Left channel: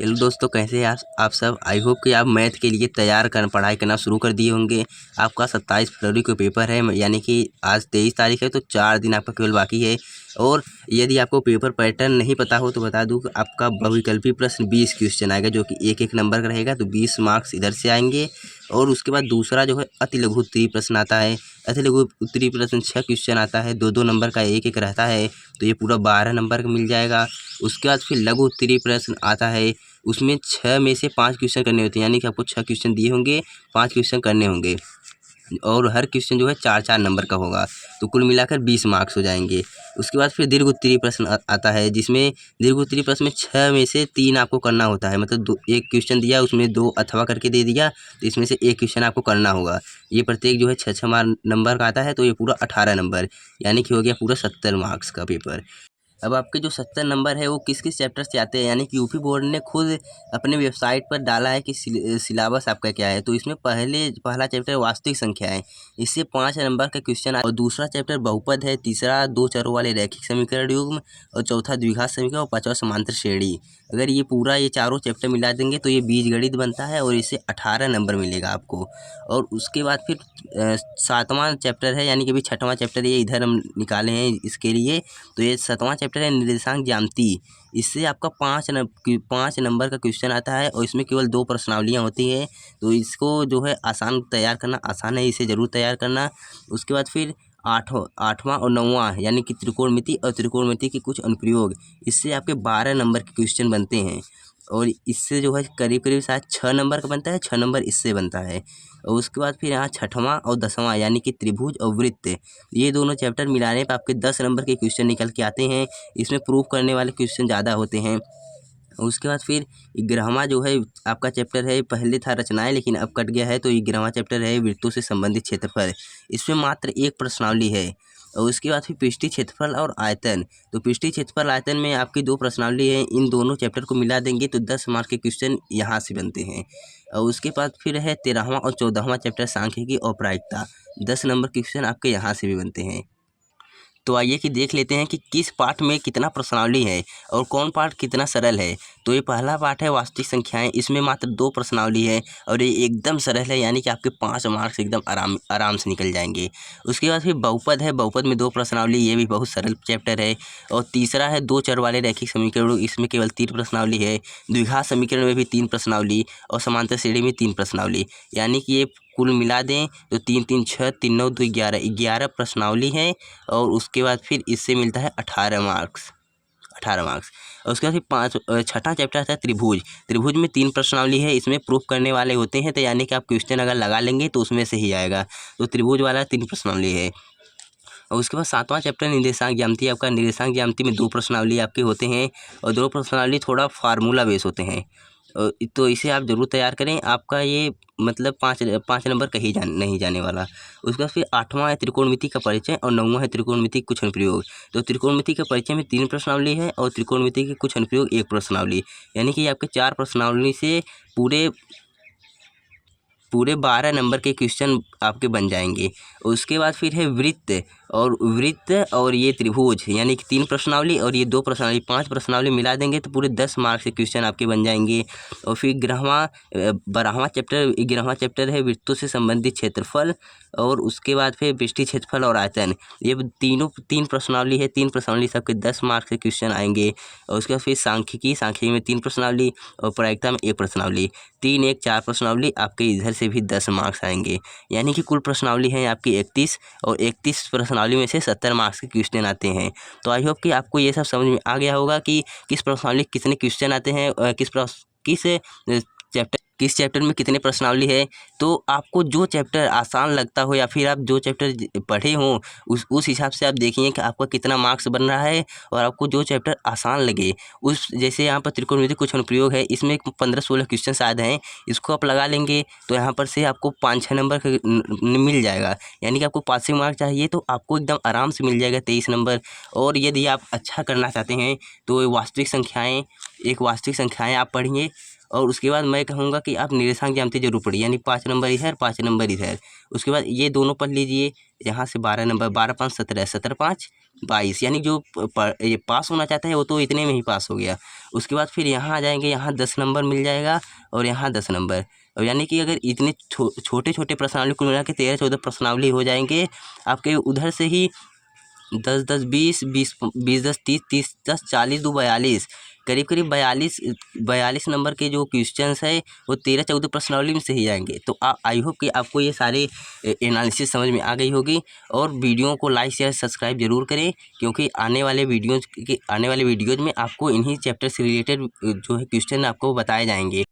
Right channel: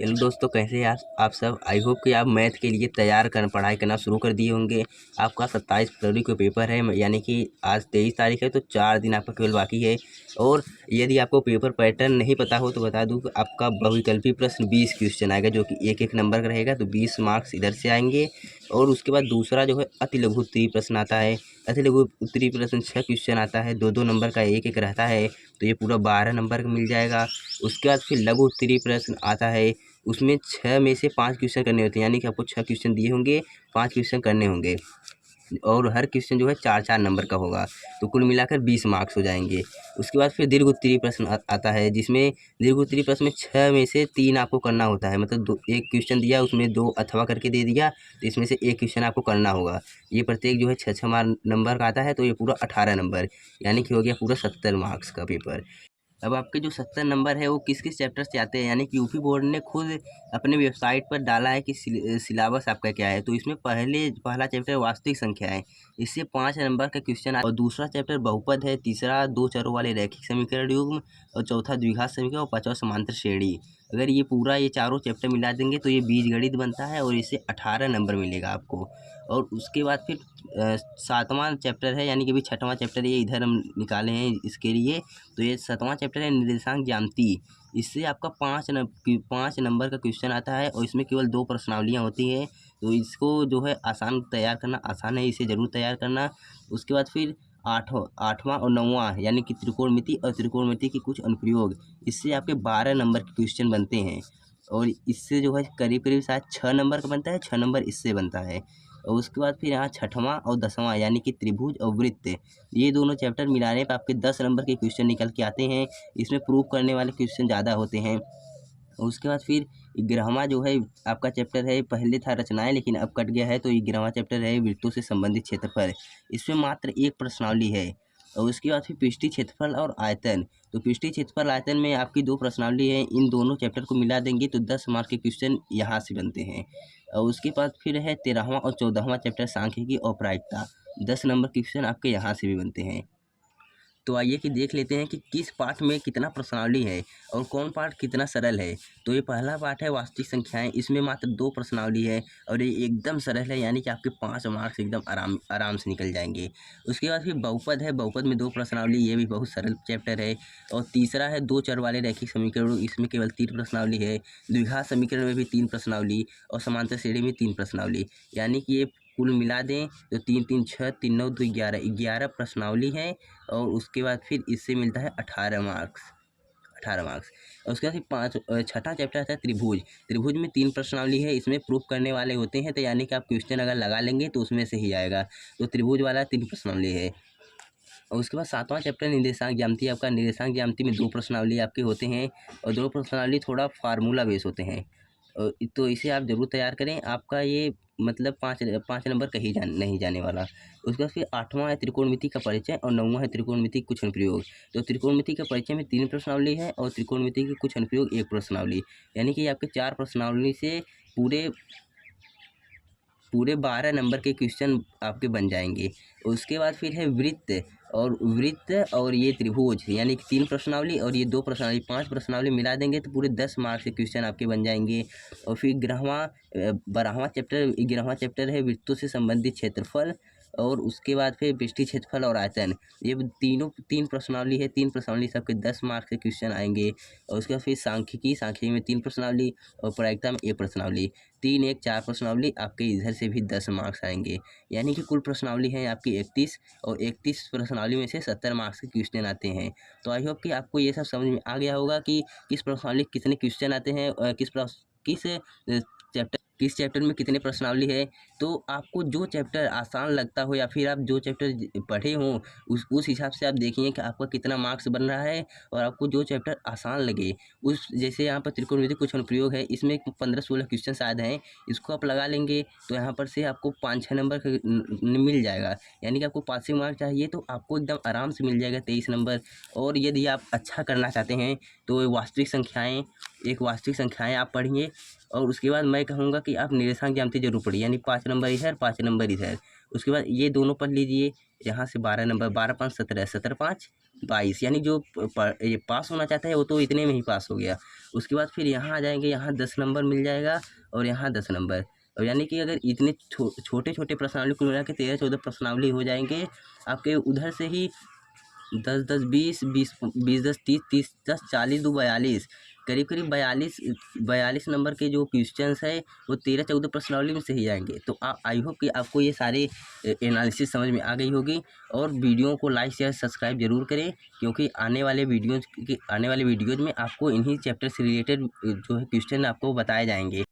Hello दोस्तों, कैसे हैं आप सब। आई होप कि आप मैथ के लिए पढ़ाई करना शुरू कर दिए होंगे। आपका 27 फरवरी को पेपर है, यानी कि आज 23 तारीख है, तो 4 दिन आपका केवल बाकी है। और यदि आपको पेपर पैटर्न नहीं पता हो तो बता दूं कि आपका बहुविकल्पी प्रश्न 20 क्वेश्चन आएगा, जो कि एक एक नंबर का रहेगा, तो 20 मार्क्स इधर से आएंगे। और उसके बाद दूसरा जो है अति लघु उत्तरीय प्रश्न आता है। अति लघु उत्तरीय प्रश्न 6 क्वेश्चन आता है, 2-2 नंबर का एक एक रहता है, तो ये पूरा 12 नंबर का मिल जाएगा। उसके बाद फिर लघु उत्तरीय प्रश्न आता है, उसमें 6 में से 5 क्वेश्चन करने होते हैं, यानी कि आपको 6 क्वेश्चन दिए होंगे, 5 क्वेश्चन करने होंगे, और हर क्वेश्चन जो है 4-4 नंबर का होगा, तो कुल मिलाकर 20 मार्क्स हो जाएंगे। उसके बाद फिर दीर्घ उत्तरीय प्रश्न आता है, जिसमें दीर्घ उत्तरीय प्रश्न में 6 में से 3 आपको करना होता है, मतलब एक क्वेश्चन दिया, उसमें 2 अथवा करके दे दिया, तो इसमें से एक क्वेश्चन आपको करना होगा। ये प्रत्येक जो है 6-6 नंबर का आता है, तो ये पूरा 18 नंबर, यानी कि हो गया पूरा 70 मार्क्स का पेपर। अब आपके जो 70 नंबर है वो किस किस चैप्टर से आते हैं, यानी कि यूपी बोर्ड ने खुद अपने वेबसाइट पर डाला है कि सिलेबस आपका क्या है। तो इसमें पहला चैप्टर वास्तविक संख्या है, इससे 5 नंबर का क्वेश्चन है। और दूसरा चैप्टर बहुपद है, तीसरा 2 चरों वाले रैखिक समीकरण युग्म, और चौथा द्विघात समीकरण, और पांचवा समांतर श्रेणी। अगर ये चारों चैप्टर मिला देंगे तो ये बीजगणित बनता है, और इससे 18 नंबर मिलेगा आपको। और उसके बाद फिर 7वां चैप्टर है, यानी कि अभी 6वां चैप्टर ये इधर हम निकाले हैं इसके लिए। तो ये 7वां चैप्टर है निर्देशांक ज्यामिति। इससे आपका 5 नंबर का क्वेश्चन आता है, और इसमें केवल 2 प्रश्नावलियाँ होती है, तो इसको जो है तैयार करना आसान है, इसे ज़रूर तैयार करना। उसके बाद फिर 8वां और 9वां, यानी कि त्रिकोणमिति और त्रिकोणमिति के कुछ अनुप्रयोग, इससे आपके 12 नंबर के क्वेश्चन बनते हैं। और इससे जो है करीब करीब शायद 6 नंबर का बनता है, 6 नंबर इससे बनता है। और उसके बाद फिर यहाँ 6वां और 10वां, यानी कि त्रिभुज और वृत्त, ये दोनों चैप्टर मिलाने पर आपके 10 नंबर के क्वेश्चन निकल के आते हैं। इसमें प्रूफ करने वाले क्वेश्चन ज़्यादा होते हैं। उसके बाद फिर 11वां जो है आपका चैप्टर है, पहले था रचनाएं लेकिन अब कट गया है, तो 11वां चैप्टर है वृत्तों से संबंधित क्षेत्रफल। इसमें मात्र एक प्रश्नावली है। और उसके बाद फिर पृष्ठीय क्षेत्रफल और आयतन। तो पृष्ठीय क्षेत्रफल आयतन में आपकी 2 प्रश्नावली है, इन दोनों चैप्टर को मिला देंगे तो 10 मार्क्स के क्वेश्चन यहाँ से बनते हैं। और उसके बाद फिर है 13वां और 14वां चैप्टर सांख्यिकी और प्रायिकता, 10 नंबर के क्वेश्चन आपके यहाँ से भी बनते हैं। तो आइए कि देख लेते हैं कि किस पार्ट में कितना प्रश्नावली है और कौन पार्ट कितना सरल है। तो ये पहला पार्ट है वास्तविक संख्याएं, इसमें मात्र 2 प्रश्नावली है, और ये एकदम सरल है, यानी कि आपके 5 मार्क्स एकदम आराम से निकल जाएंगे। उसके बाद फिर बहुपद है, बहुपद में 2 प्रश्नावली, ये भी बहुत सरल चैप्टर है। और तीसरा है 2 चर वाले रैखिक समीकरण, इसमें केवल 3 प्रश्नावली है। द्विघात समीकरण में भी 3 प्रश्नावली, और समांतर श्रेणी में 3 प्रश्नावली, यानी कि ये कुल मिला दें तो 3-3 6, 3 9 2 11 प्रश्नावली है। और उसके बाद फिर इससे मिलता है 18 मार्क्स। और उसके बाद फिर 6वां चैप्टर आता है त्रिभुज। त्रिभुज में 3 प्रश्नावली है, इसमें प्रूफ करने वाले होते हैं, तो यानी कि आप क्वेश्चन अगर लगा लेंगे तो उसमें से ही आएगा। तो त्रिभुज वाला 3 प्रश्नावली है। और उसके बाद 7वां चैप्टर निर्देशांक ज्यामिति, आपका निर्देशांक ज्यामिति में 2 प्रश्नावली आपके होते हैं, और 2 प्रश्नावली थोड़ा फार्मूला बेस होते हैं। तो इसे आप ज़रूर तैयार करें, आपका ये मतलब 5 नंबर कहीं नहीं जाने वाला। उसके बाद फिर 8वां है त्रिकोणमिति का परिचय, और 9वां है त्रिकोणमिति के कुछ अनुप्रयोग। तो त्रिकोणमिति के परिचय में 3 प्रश्नावली है, और त्रिकोणमिति के कुछ अनुप्रयोग 1 प्रश्नावली, यानी कि आपके 4 प्रश्नावली से पूरे 12 नंबर के क्वेश्चन आपके बन जाएंगे। उसके बाद फिर है वृत्त और ये त्रिभुज, यानी कि 3 प्रश्नावली और ये 2 प्रश्नावली, 5 प्रश्नावली मिला देंगे तो पूरे 10 मार्क्स के क्वेश्चन आपके बन जाएंगे। और फिर 11वां चैप्टर है वृत्तों से संबंधित क्षेत्रफल, और उसके बाद फिर पृष्ठीय क्षेत्रफल और आयतन, ये तीनों 3 प्रश्नावली है, 3 प्रश्नावली सबके 10 मार्क्स के क्वेश्चन आएंगे। और उसके बाद फिर सांख्यिकी में 3 प्रश्नावली, और प्रायिकता में 1 प्रश्नावली, 3 1 4 प्रश्नावली आपके इधर से भी 10 मार्क्स आएंगे, यानी कि कुल प्रश्नावली है आपकी 31, और 31 प्रश्नावली में से 70 मार्क्स के क्वेश्चन आते हैं। तो आई होप कि आपको ये सब समझ में आ गया होगा कि किस प्रश्नावली कितने क्वेश्चन आते हैं, किस चैप्टर में कितने प्रश्नावली है। तो आपको जो चैप्टर आसान लगता हो, या फिर आप जो चैप्टर पढ़े हों, उस हिसाब से आप देखिए कि आपका कितना मार्क्स बन रहा है। और आपको जो चैप्टर आसान लगे, जैसे यहाँ पर त्रिकोणमिति कुछ अनुप्रयोग है, इसमें 15-16 क्वेश्चन शायद हैं, इसको आप लगा लेंगे तो यहाँ पर से आपको 5-6 नंबर का मिल जाएगा, यानी कि आपको पासिंग मार्क चाहिए तो आपको एकदम आराम से मिल जाएगा 23 नंबर। और यदि आप अच्छा करना चाहते हैं तो वास्तविक संख्याएँ आप पढ़िए, और उसके बाद मैं कहूँगा कि आप निर्देशांक ज्यामिति जरूर पढ़िए, यानी 5 नंबर इधर 5 नंबर इधर। उसके बाद ये दोनों पढ़ लीजिए, यहाँ से 12 नंबर, 12 5 17, 17 5 22, यानी जो ये पास होना चाहता है वो तो इतने में ही पास हो गया। उसके बाद फिर यहाँ आ जाएंगे, यहाँ 10 नंबर मिल जाएगा और यहाँ 10 नंबर। और यानी कि अगर इतने छोटे छोटे प्रश्नावली कुल मिला के 13-14 प्रश्नावली हो जाएंगे आपके, उधर से ही 10 10 20 20 20 10 30 30 10 40 2 42, करीब करीब 42 नंबर के जो क्वेश्चंस है वो 13-14 प्रश्नावली में से ही आएंगे। तो आई होप कि आपको ये सारे एनालिसिस समझ में आ गई होगी। और वीडियो को लाइक शेयर सब्सक्राइब जरूर करें, क्योंकि आने वाले वीडियोज़ में आपको इन्हीं चैप्टर से रिलेटेड जो है क्वेश्चन आपको बताए जाएंगे।